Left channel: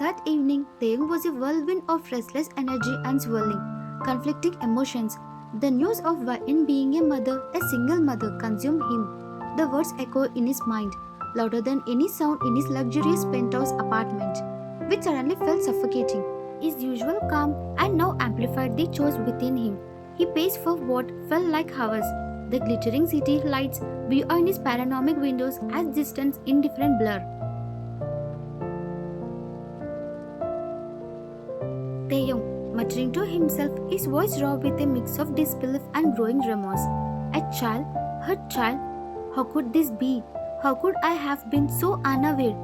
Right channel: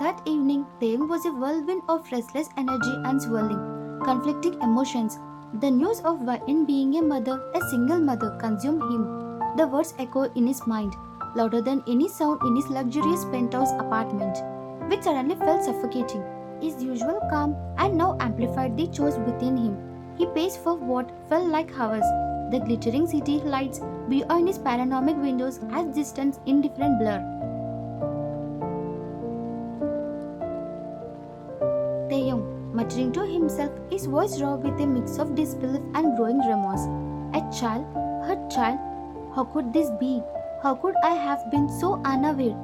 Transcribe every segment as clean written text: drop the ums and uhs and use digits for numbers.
That evening, Taeyang was a whirlwind of restless energy and swirling, conflicting emotions. The news of Vain being a mother, a single mother, consumed him. The words echoed in his mind, louder than any sound in his luxurious penthouse apartment, which suddenly felt suffocating. His usual calm and now amplified the chores within him. He paced for what felt like hours. The glittering city lights beyond his panoramic windows as distant, indifferent blur. Taeyong, muttering to himself, his voice raw with a mix of disbelief and growing remorse. A child, her child, how could this be? How could I have been so unaware?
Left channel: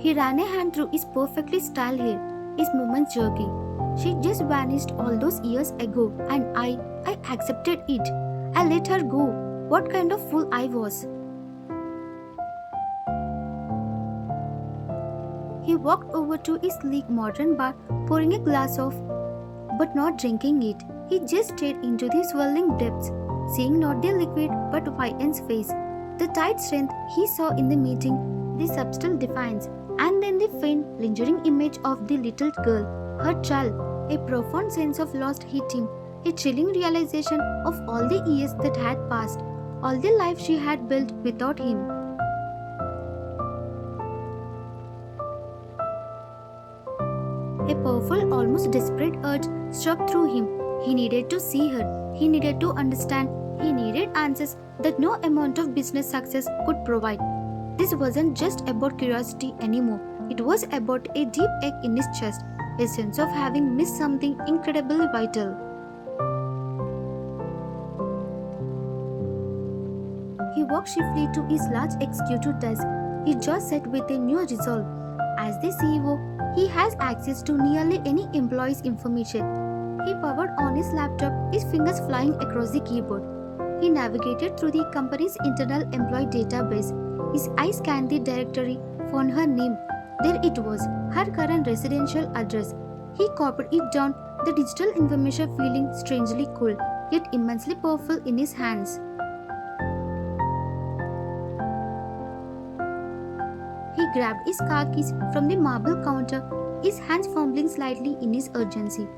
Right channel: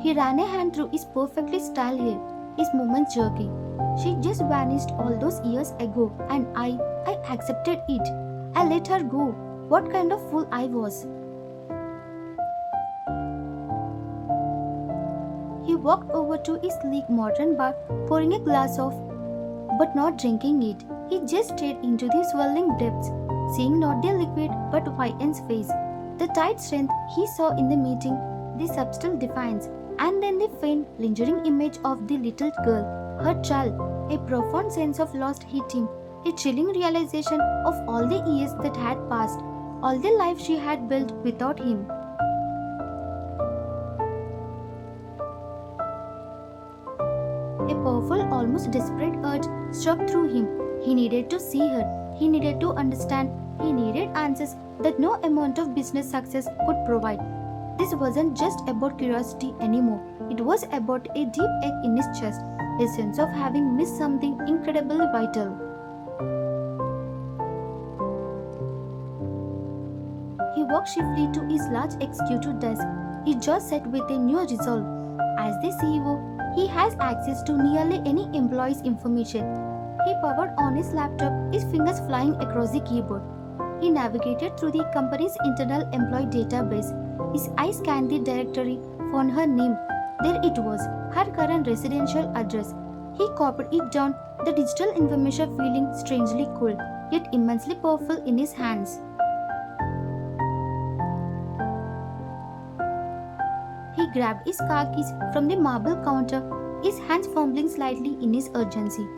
He ran a hand through his perfectly styled hair, his movements jerky. She just vanished all those years ago, and I accepted it. I let her go. What kind of fool I was. He walked over to his sleek modern bar, pouring a glass of, but not drinking it. He just stared into the swirling depths, seeing not the liquid but Whiten's face, the tight strength he saw in the meeting, the subtle defiance, and then the faint, lingering image of the little girl, her child. A profound sense of loss hit him, a chilling realization of all the years that had passed, all the life she had built without him. A powerful, almost desperate urge struck through him. He needed to see her. He needed to understand. He needed answers that no amount of business success could provide. This wasn't just about curiosity anymore. It was about a deep ache in his chest, a sense of having missed something incredibly vital. He walked swiftly to his large executive desk, his jaw set with a new resolve. As the CEO, he has access to nearly any employee's information. He powered on his laptop, his fingers flying across the keyboard. He navigated through the company's internal employee database. His eyes scanned the directory, found her name. There it was, her current residential address. He copied it down, the digital information feeling strangely cool, yet immensely powerful in his hands. He grabbed his car keys from the marble counter, his hands fumbling slightly in his urgency.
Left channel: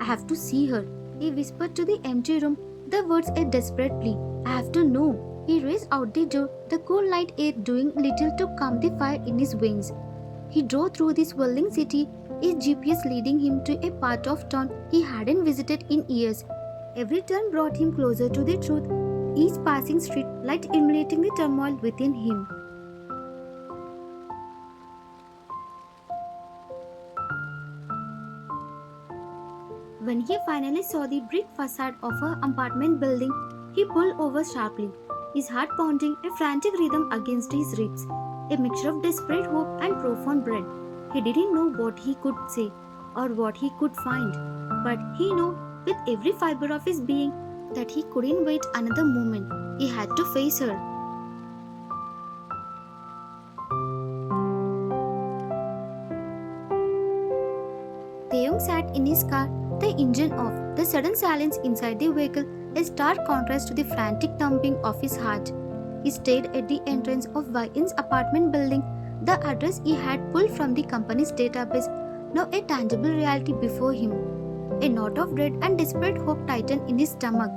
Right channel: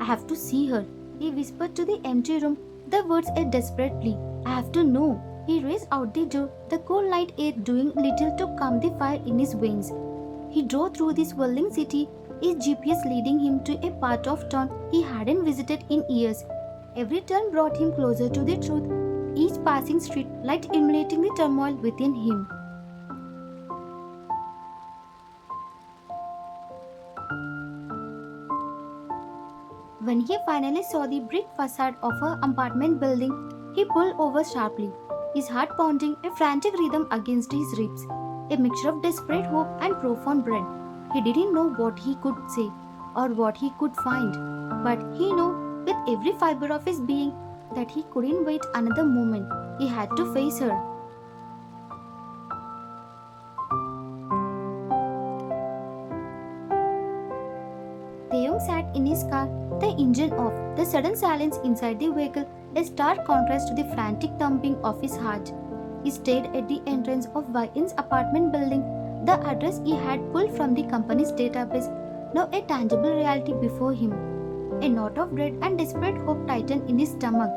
I have to see her, he whispered to the empty room, the words a desperate plea. I have to know. He raced out the door, the cool night air doing little to calm the fire in his veins. He drove through the swirling city, his GPS leading him to a part of town he hadn't visited in years. Every turn brought him closer to the truth, each passing street light illuminating the turmoil within him. When he finally saw the brick facade of her apartment building, he pulled over sharply, his heart pounding a frantic rhythm against his ribs, a mixture of desperate hope and profound dread. He didn't know what he could say or what he could find, but he knew with every fiber of his being that he couldn't wait another moment. He had to face her. Taeyong sat in his car, the engine off, the sudden silence inside the vehicle a stark contrast to the frantic thumping of his heart. He stayed at the entrance of Vain's apartment building, the address he had pulled from the company's database, now a tangible reality before him. A knot of dread and desperate hope tightened in his stomach.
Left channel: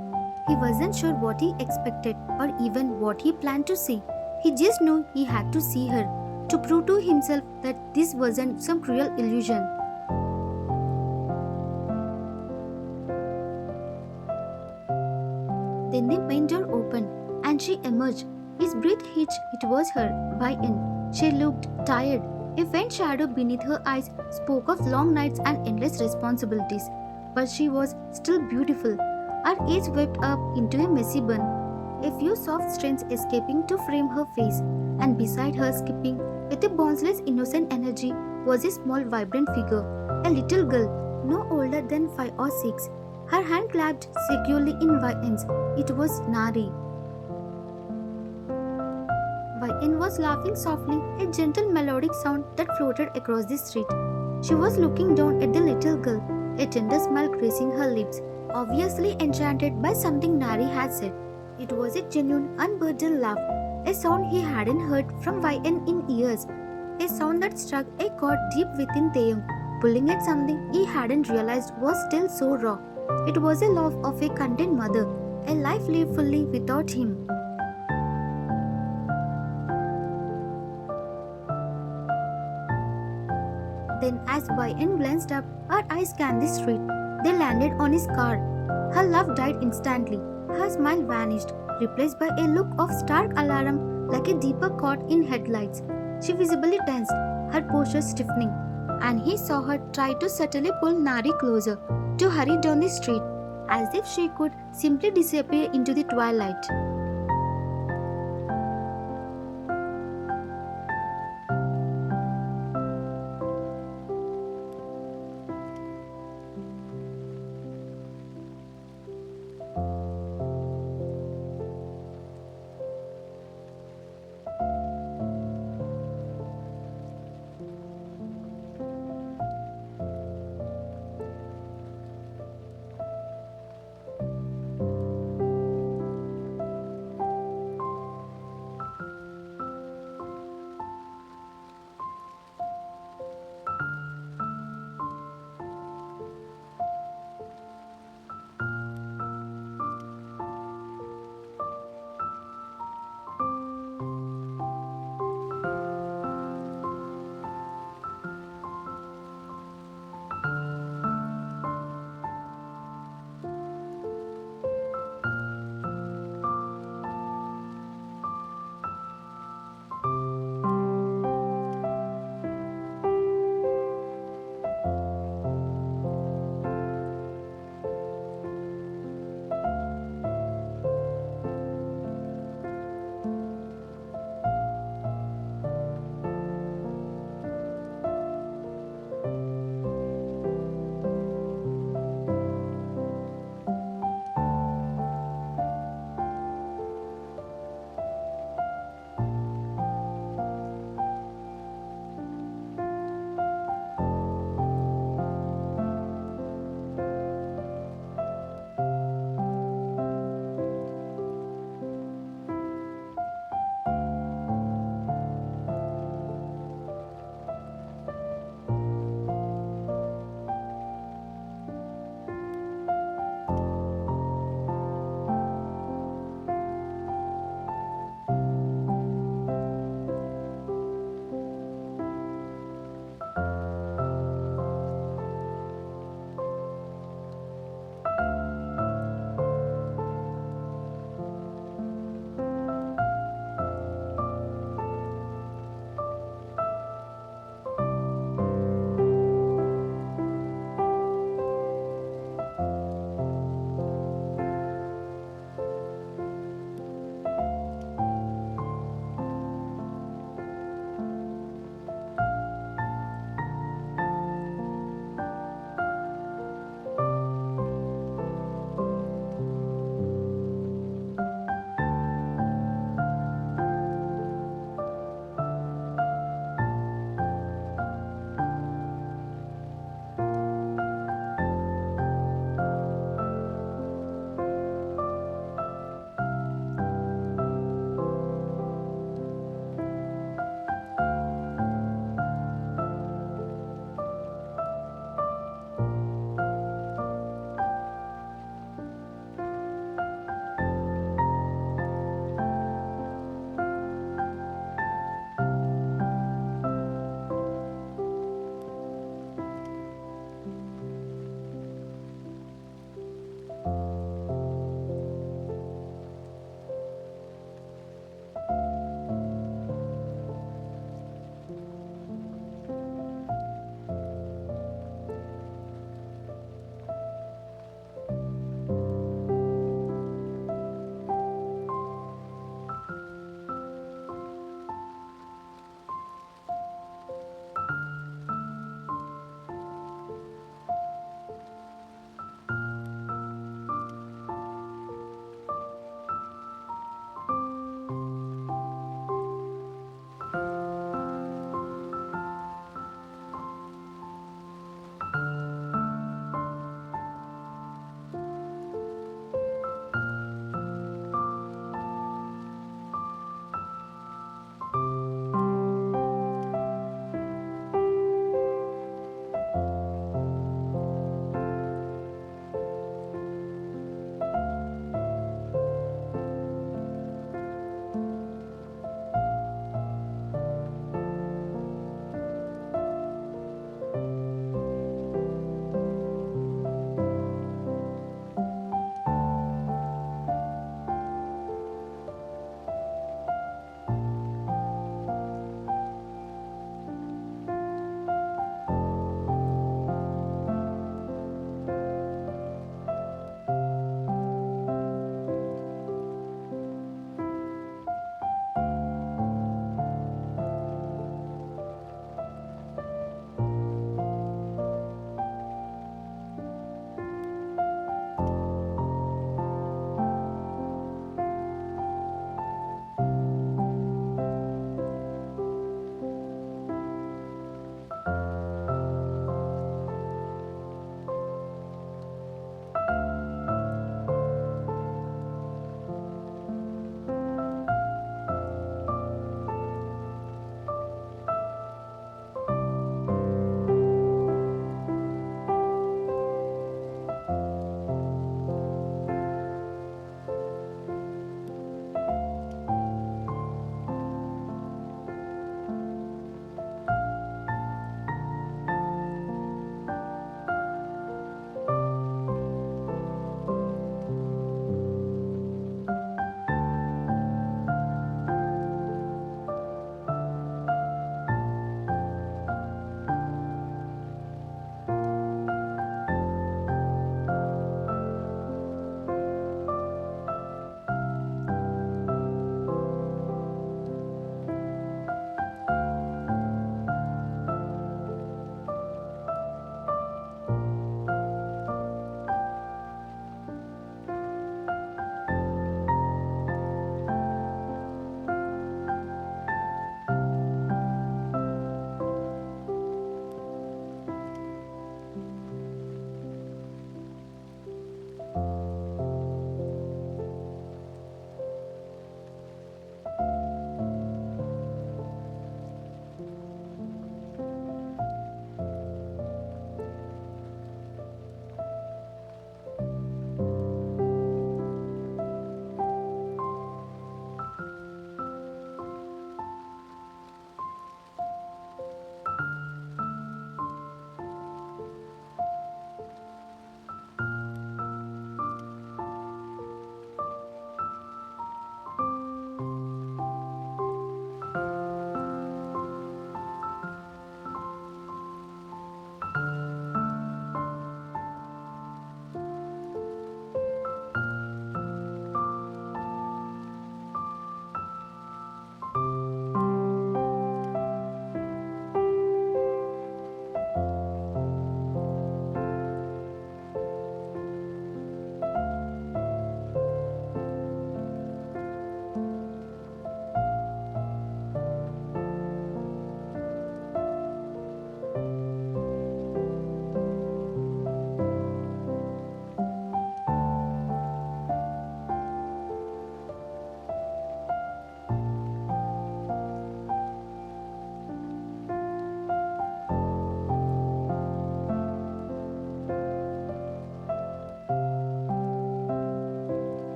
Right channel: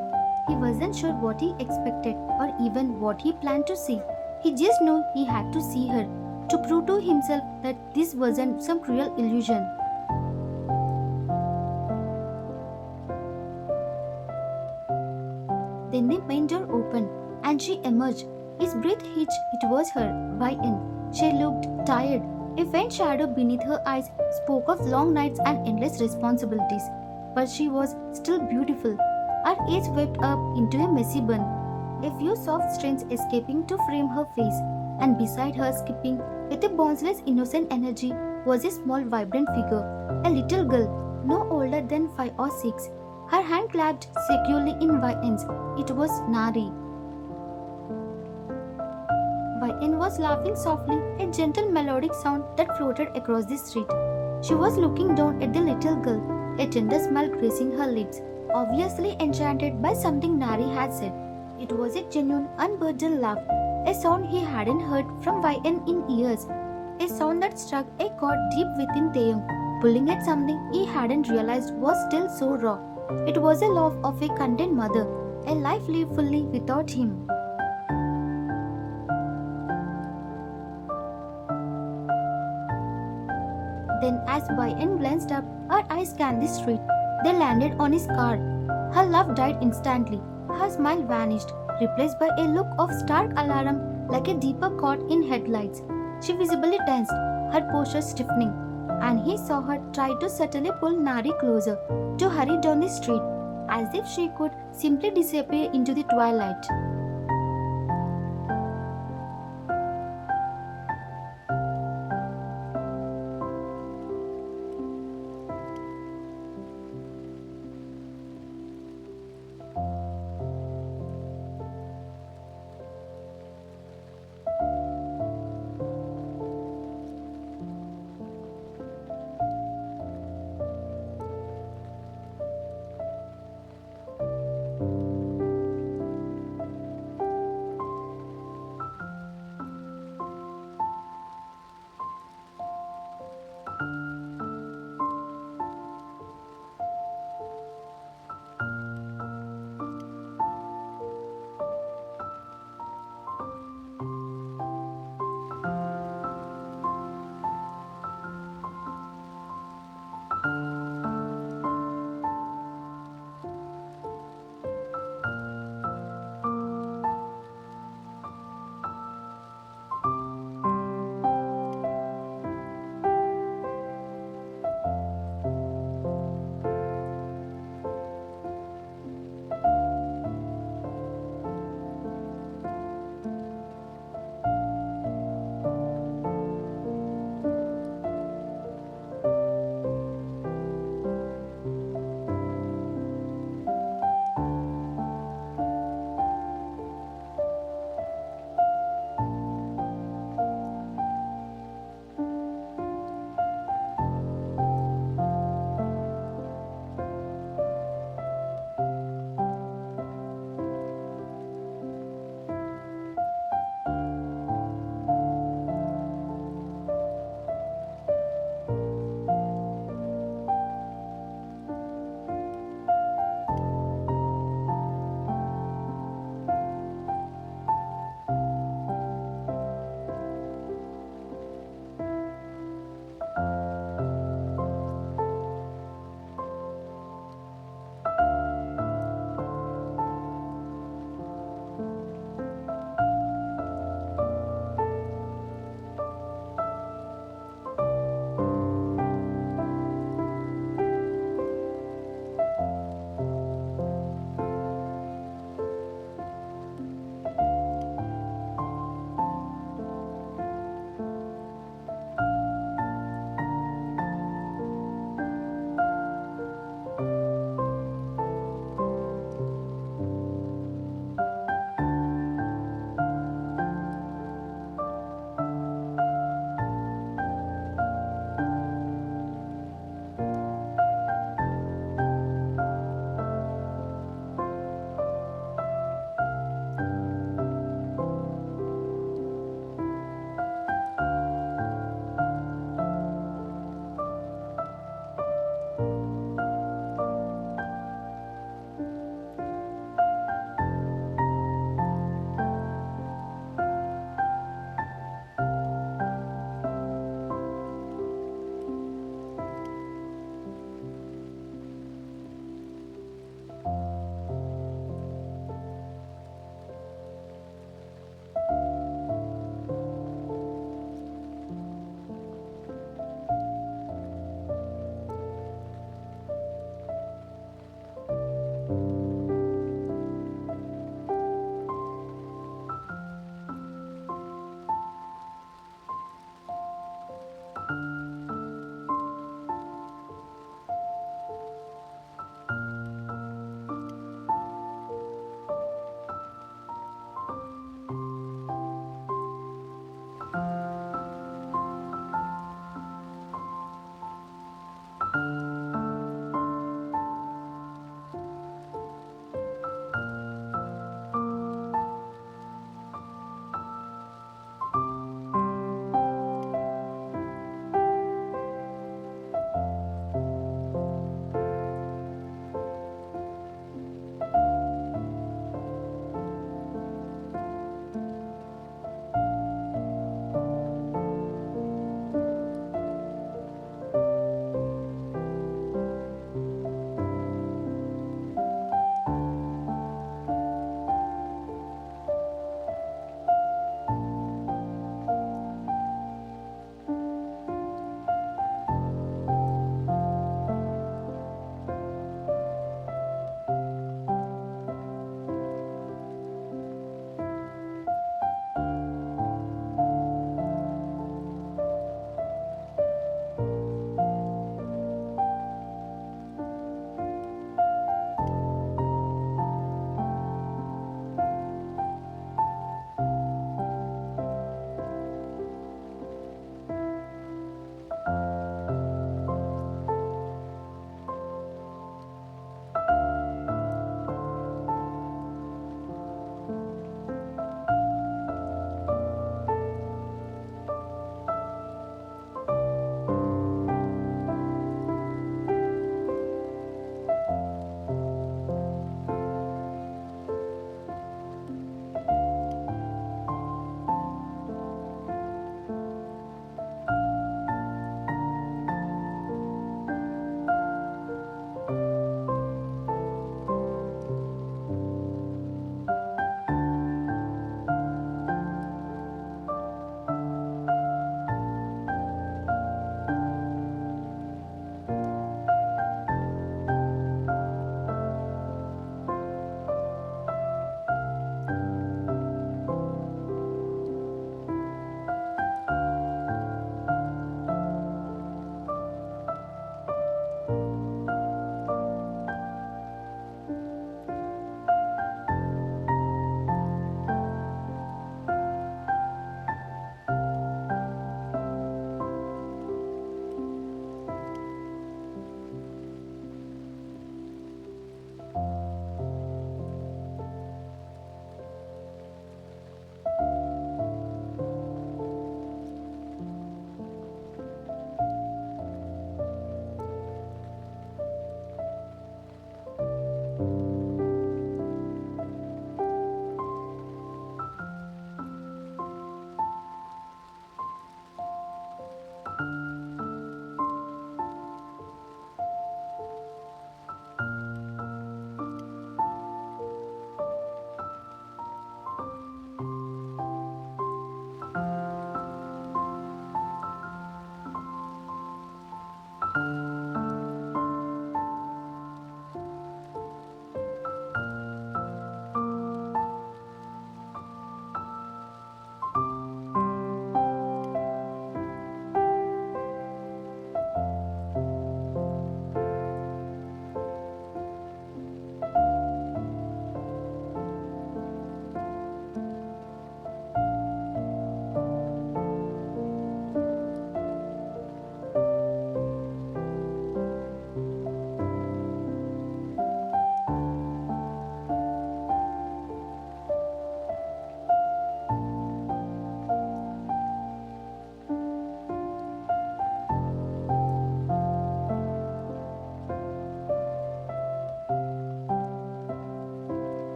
He wasn't sure what he expected or even what he planned to see. He just knew he had to see her, to prove to himself that this wasn't some cruel illusion. Then the main door opened, and she emerged. His breath hitched. It was her, Vain. She looked tired. A faint shadow beneath her eyes spoke of long nights and endless responsibilities. But she was still beautiful. Her age swept up into a messy bun, a few soft strands escaping to frame her face, and beside her, skipping with a boundless innocent energy, was a small vibrant figure, a little girl, no older than 5 or 6. Her hand clasped securely in Vain's. It was Nari. Vain was laughing softly, a gentle melodic sound that floated across the street. She was looking down at the little girl, a tender smile gracing her lips, obviously enchanted by something Nari had said. It was a genuine, unburdened laugh, a sound he hadn't heard from Vain in years, a sound that struck a chord deep within Taeyong, pulling at something he hadn't realized was still so raw. It was a laugh of a content mother, a life lived fully without him. Then, as Bayan glanced up, her eyes scanned the street. They landed on his car. Her laugh died instantly. Her smile vanished, replaced by a look of stark alarm like a deeper caught in headlights. She visibly tensed, her posture stiffening, and he saw her try to subtly pull Nari closer, to hurry down the street, as if she could simply disappear into the twilight.